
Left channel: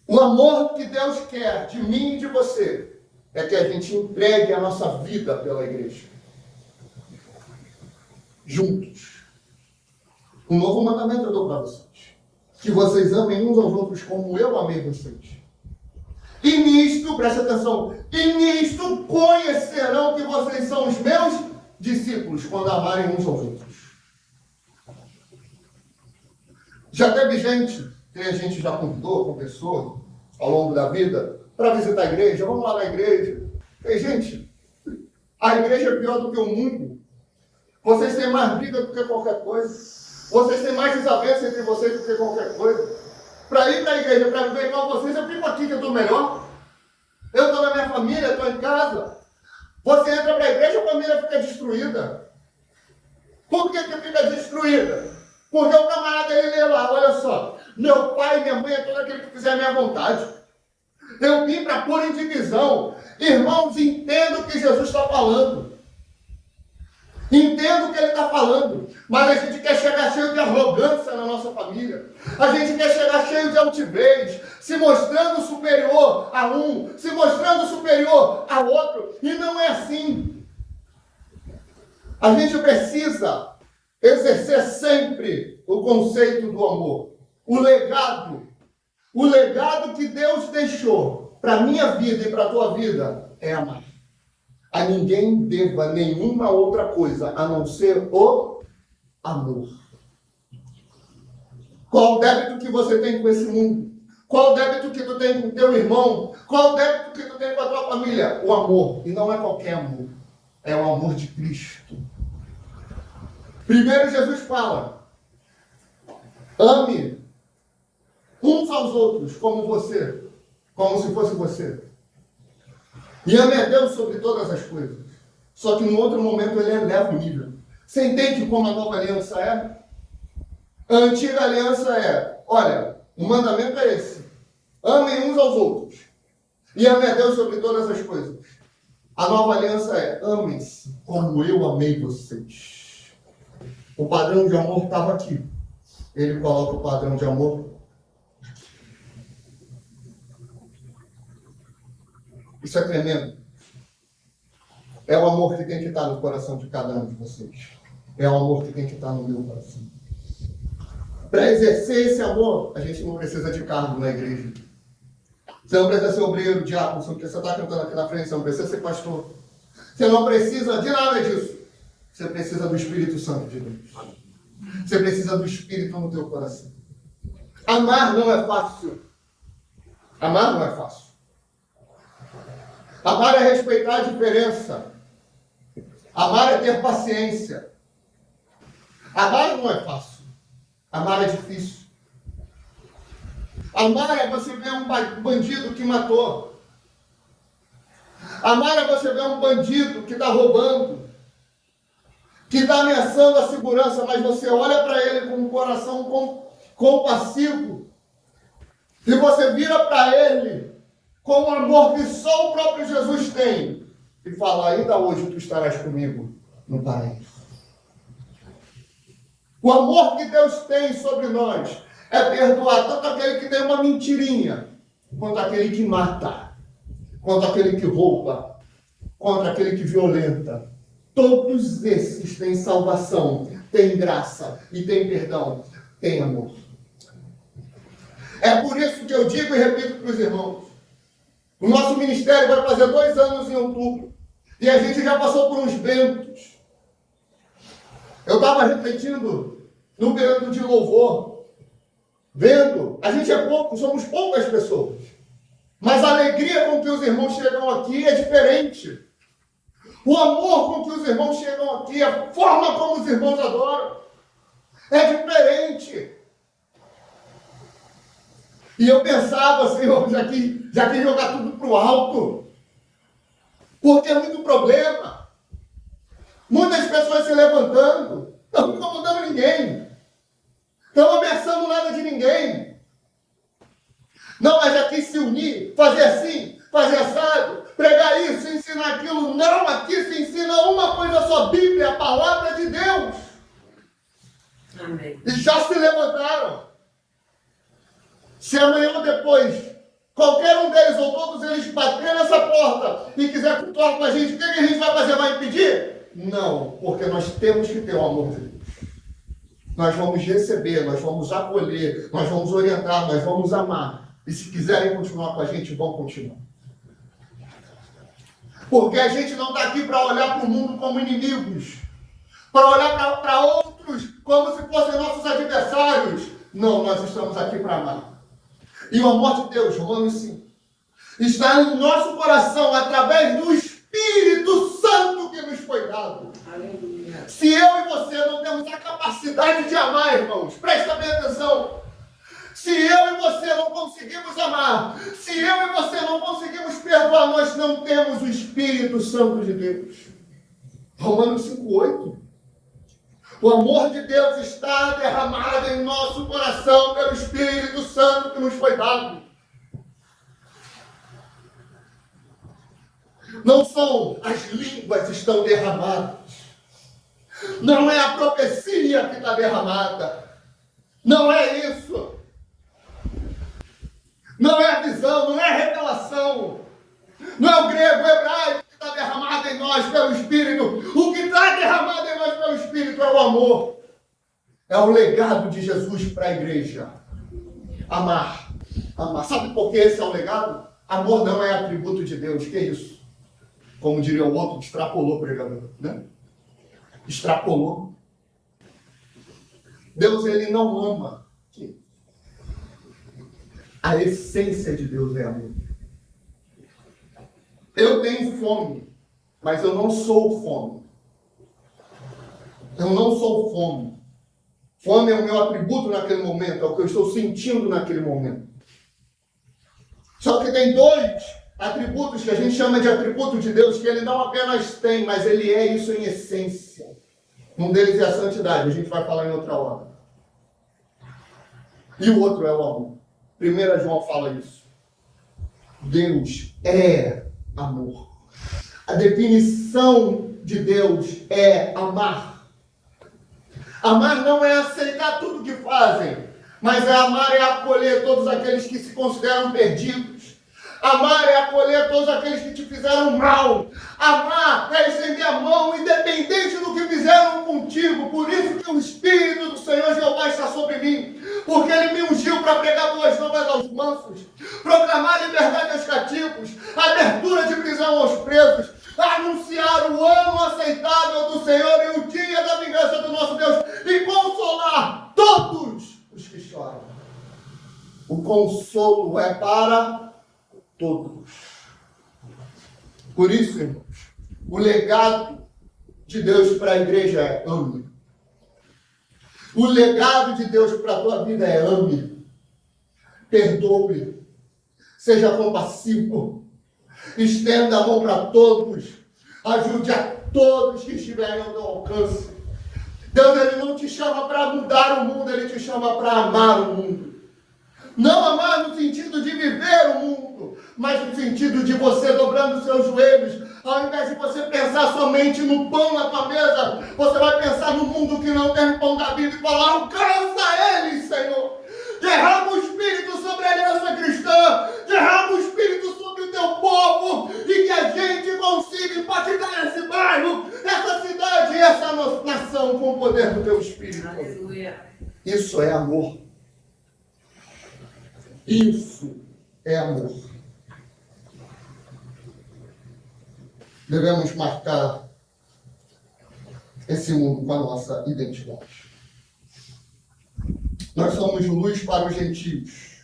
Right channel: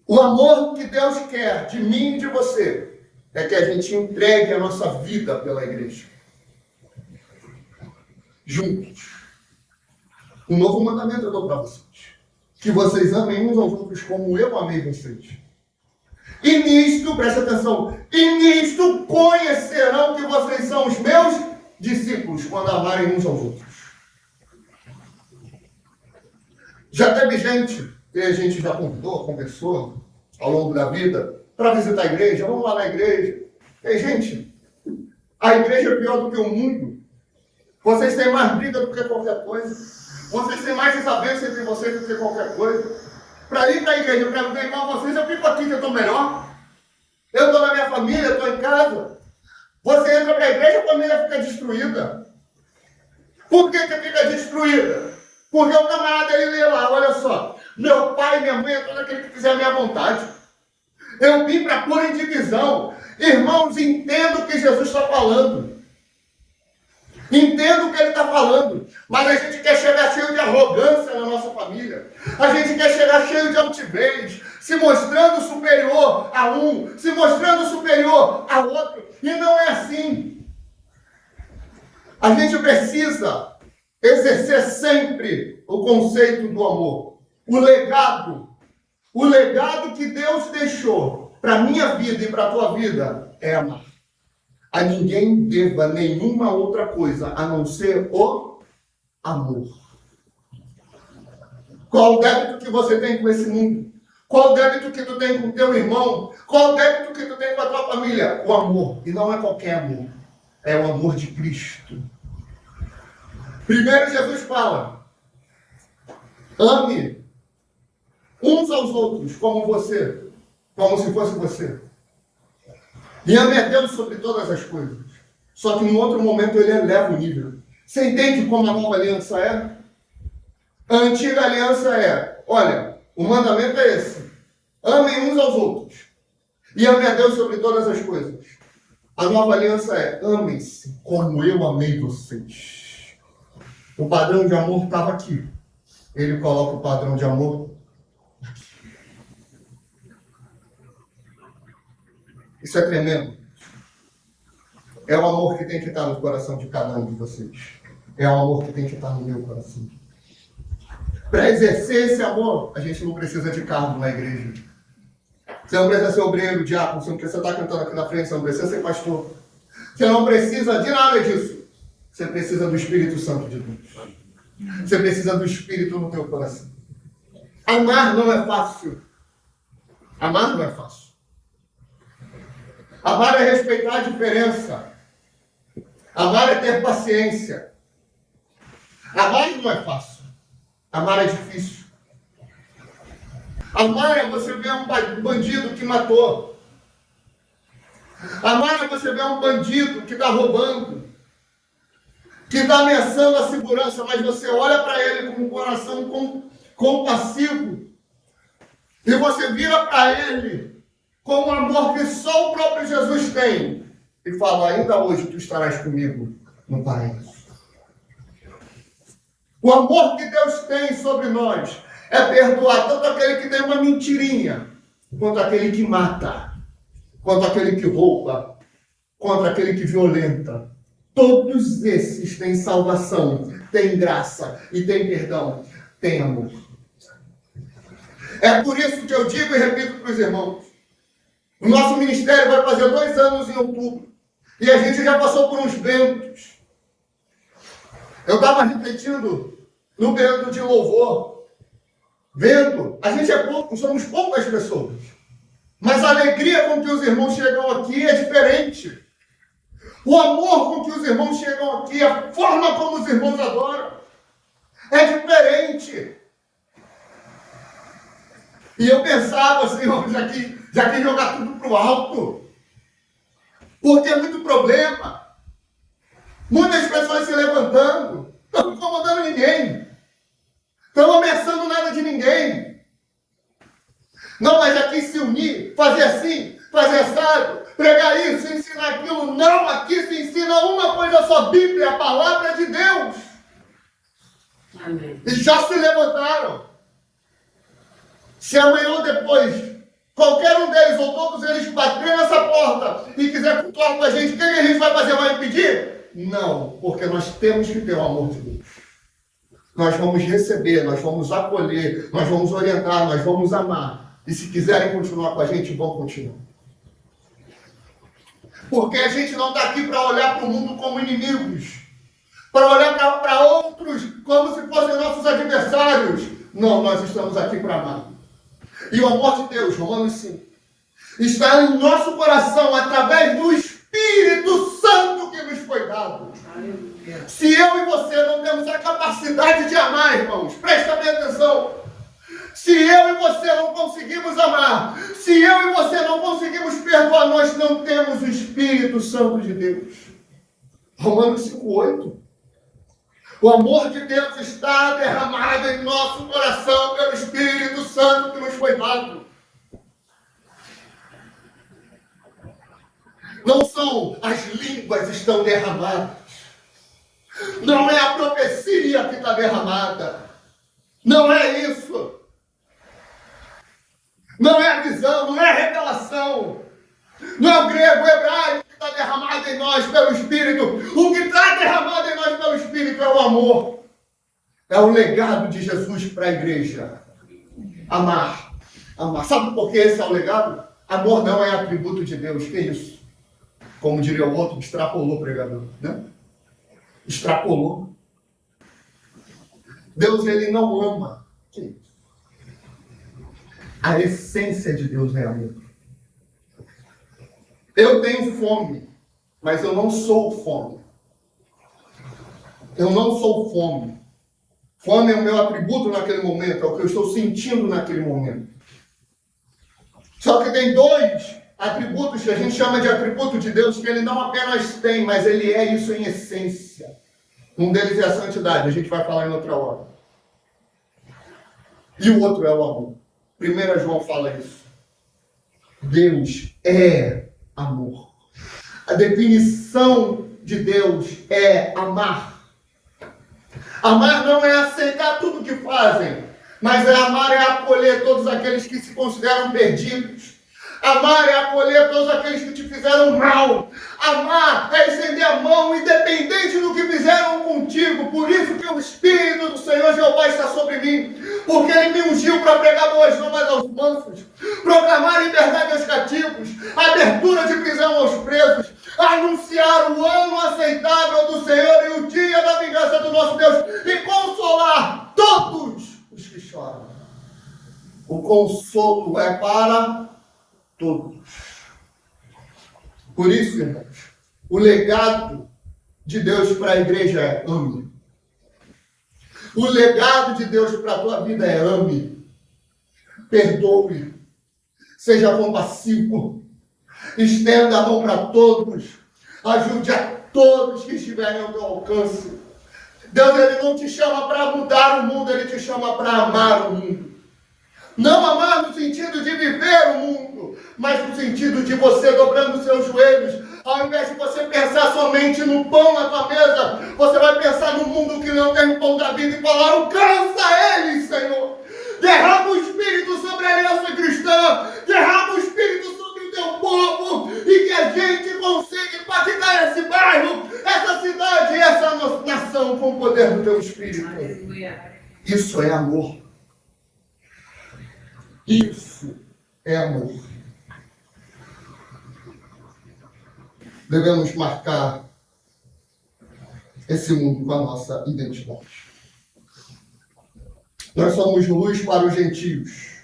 O amor que Deus quer de mim e de você é que a gente entregue a nossa vida pela igreja. Juntos. Um novo mandamento eu dou para vocês. Que vocês amem uns aos outros como eu amei vocês. E nisto, preste atenção, e nisto conhecerão que vocês são os meus discípulos, quando amarem uns aos outros. Já teve gente, que a gente já convidou, conversou ao longo da vida, para visitar a igreja, vamos lá na igreja. E, gente, a igreja é pior do que o mundo. Vocês têm mais briga do que qualquer coisa. Vocês têm mais desavença entre vocês do que qualquer coisa. Para ir para a igreja, para viver igual vocês, eu fico aqui que eu estou melhor. Eu estou na minha família, estou em casa. Você entra para a igreja, a família fica destruída. Por que fica destruída? Porque o camarada, ele lê lá, olha só. Meu pai e minha mãe é todo aquele que fizer a minha vontade. Eu vim para pôr em divisão. Irmãos, entenda o que Jesus está falando. Entenda o que ele está falando. Mas a gente quer chegar cheio de arrogância na nossa família. A gente quer chegar cheio de altivez, se mostrando superior a um, se mostrando superior a outro. E não é assim. A gente precisa exercer sempre o conceito do amor. O legado que Deus deixou para a minha vida e para a tua vida é amar. A ninguém deva nenhuma outra coisa a não ser o amor. Qual o débito que você tem com esse mundo? Qual o débito que tu tem com o teu irmão? Qual o débito que tu tem com a tua família? O amor. E não é qualquer amor. É o amor de Cristo. Primeiro Jesus fala: ame uns aos outros como você, como se fosse você. E ame a Deus sobre todas as coisas. Só que em outro momento ele eleva o nível. Você entende como a nova aliança é? A antiga aliança é, olha, o mandamento é esse. Amem uns aos outros. E ame a Deus sobre todas as coisas. A nova aliança é, amem-se como eu amei vocês. O padrão de amor estava aqui. Ele coloca o padrão de amor aqui. Isso é tremendo. É o amor que tem que estar no coração de cada um de vocês. É o amor que tem que estar no meu coração. Para exercer esse amor, a gente não precisa de cargo na igreja. Você não precisa ser obreiro, diácono, você não precisa estar cantando aqui na frente, você não precisa ser pastor. Você não precisa de nada disso. Você precisa do Espírito Santo de Deus. Você precisa do Espírito no teu coração. Amar não é fácil. Amar não é fácil. Amar é respeitar a diferença. Amar é ter paciência. Amar não é fácil. Amar é difícil. Amar é você ver um bandido que matou. Amar é você ver um bandido que está roubando, que está ameaçando a segurança, mas você olha para ele com um coração compassivo e você vira para ele com um amor que só o próprio Jesus tem e fala: ainda hoje tu estarás comigo no paraíso. O amor que Deus tem sobre nós é perdoar tanto aquele que tem uma mentirinha, quanto aquele que mata, quanto aquele que rouba, quanto aquele que violenta. Todos esses têm salvação, têm graça e têm perdão, têm amor. É por isso que eu digo e repito para os irmãos: o nosso ministério vai fazer 2 anos em outubro. E a gente já passou por uns ventos. Eu estava refletindo no período de louvor, vendo, a gente é pouco, somos poucas pessoas. Mas a alegria com que os irmãos chegam aqui é diferente. O amor com que os irmãos chegam aqui, a forma como os irmãos adoram, é diferente. E eu pensava assim, já quis jogar tudo para o alto, porque é muito problema. Muitas pessoas se levantando, não incomodando ninguém, não ameaçando nada de ninguém. Não, mas já quis se unir, fazer assim, fazer assado, pregar isso, ensinar aquilo. Não, aqui se ensina uma coisa só, Bíblia, a palavra de Deus. Amém. E já se levantaram. Se amanhã ou depois, qualquer um deles ou todos eles baterem nessa porta e quiser cultuar com a gente, o que a gente vai fazer? Vai impedir? Não, porque nós temos que ter o amor de Deus. Nós vamos receber, nós vamos acolher, nós vamos orientar, nós vamos amar. E se quiserem continuar com a gente, vão continuar. Porque a gente não está aqui para olhar para o mundo como inimigos, para olhar para outros como se fossem nossos adversários. Não, nós estamos aqui para amar. E o amor de Deus, Romanos 5, está em nosso coração através do Espírito Santo que nos foi dado. Aleluia. Se eu e você não temos a capacidade de amar, irmãos, presta bem atenção. Se eu e você não conseguimos amar, se eu e você não conseguimos perdoar, nós não temos o Espírito Santo de Deus. Romanos 5:8. O amor de Deus está derramado em nosso coração pelo Espírito Santo que nos foi dado. Não são as línguas que estão derramadas. Não é a profecia que está derramada. Não é isso. Não é a visão, não é a revelação. Não é o grego, o hebraico que está derramado em nós pelo Espírito. O que está derramado em nós pelo Espírito é o amor. É o legado de Jesus para a igreja. Amar. Amar. Sabe por que esse é o legado? Amor não é atributo de Deus. Que isso? Como diria o outro, extrapolou o pregador, né? Extrapolou. Deus, ele não ama. A essência de Deus é amor. Eu tenho fome, mas eu não sou fome. Eu não sou fome. Fome é o meu atributo naquele momento, é o que eu estou sentindo naquele momento. Só que tem dois atributos que a gente chama de atributo de Deus, que ele não apenas tem, mas ele é isso em essência. Um deles é a santidade, a gente vai falar em outra hora. E o outro é o amor. 1 João fala isso. Deus é amor. A definição de Deus é amar. Amar não é aceitar tudo que fazem, mas amar é acolher todos aqueles que se consideram perdidos. Amar é acolher todos aqueles que te fizeram mal. Amar é estender a mão independente do que fizeram contigo. Por isso que o Espírito do Senhor Jeová está sobre mim. Porque Ele me ungiu para pregar boas novas aos mansos, proclamar liberdade aos cativos, abertura de prisão aos presos, anunciar o ano aceitável do Senhor e o dia da vingança do nosso Deus e consolar todos os que choram. O consolo é para todos. Por isso, irmãos, o legado de Deus para a igreja é ame. O legado de Deus para a tua vida é ame. Perdoe. Seja compassivo. Estenda a mão para todos. Ajude a todos que estiverem ao teu alcance. Deus, Ele não te chama para mudar o mundo, Ele te chama para amar o mundo. Não amar no sentido de viver o mundo, mas no sentido de você dobrando os seus joelhos. Ao invés de você pensar somente no pão na tua mesa, você vai pensar no mundo que não tem o pão da vida e falar: alcança eles, Senhor. Derrama o Espírito sobre a aliança cristã. Derrama o Espírito sobre o teu povo. E que a gente consiga impactar esse bairro, essa cidade e essa nação com o poder do teu Espírito. Aleluia. Isso é amor. Isso é amor. Devemos marcar esse mundo com a nossa identidade. Nós somos luz para os gentios.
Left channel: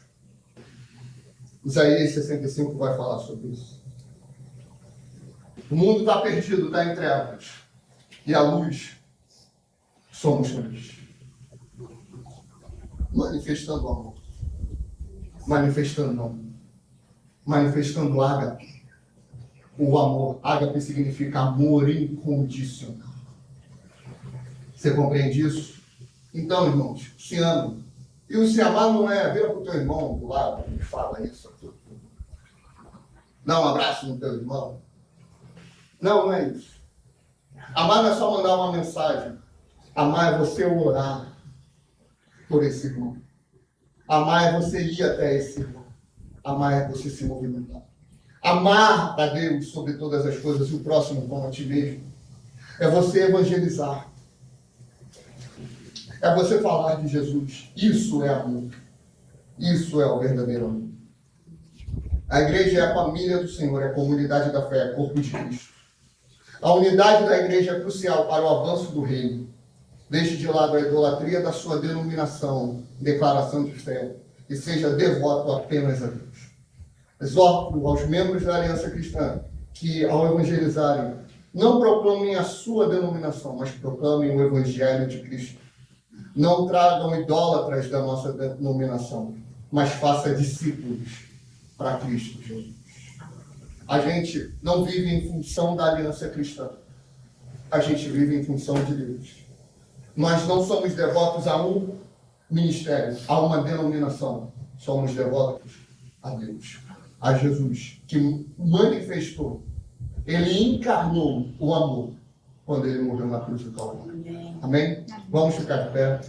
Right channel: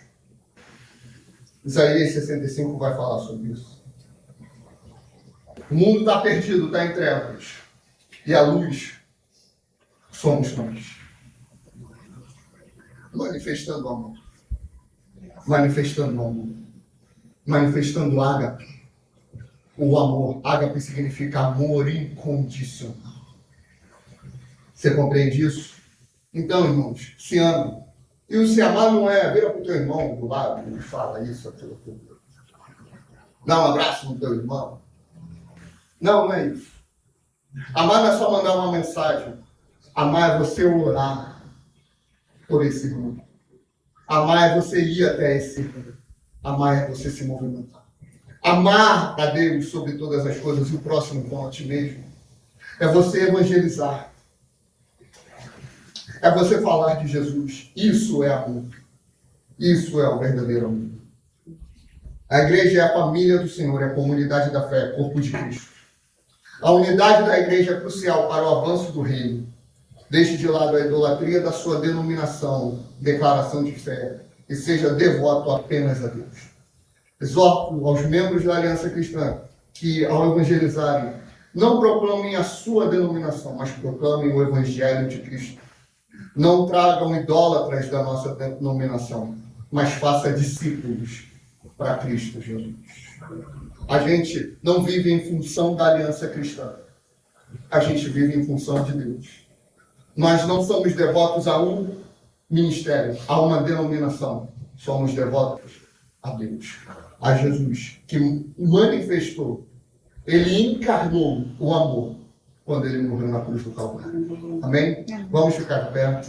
Isaías 65 vai falar sobre isso. O mundo está perdido, está em trevas. E a luz somos nós. Manifestando o amor. Manifestando o amor. Manifestando o ágape. O amor. Ágape significa amor incondicional. Você compreende isso? Então, irmãos, se amem. E o se amar não é vira para o teu irmão do lado e fala isso, aquilo, tudo. Dá um abraço no teu irmão. Não, não é isso. Amar não é só mandar uma mensagem. Amar é você orar por esse grupo. Amar é você ir até esse grupo. Amar é você se movimentar. Amar a Deus sobre todas as coisas e o próximo como a ti mesmo. É você evangelizar. É você falar de Jesus. Isso é amor. Isso é o verdadeiro amor. A igreja é a família do Senhor, é a comunidade da fé, é o corpo de Cristo. A unidade da igreja é crucial para o avanço do reino. Deixe de lado a idolatria da sua denominação, declaração de fé, e seja devoto apenas a Deus. Exorto aos membros da Aliança Cristã que, ao evangelizarem, não proclamem a sua denominação, mas proclamem o Evangelho de Cristo. Não tragam idólatras da nossa denominação, mas faça discípulos para Cristo Jesus. A gente não vive em função da aliança cristã. A gente vive em função de Deus. Nós não somos devotos a um ministério, a uma denominação. Somos devotos a Deus, a Jesus, que manifestou, ele encarnou o amor quando ele morreu na cruz do Calvário. Amém? Vamos ficar de pé.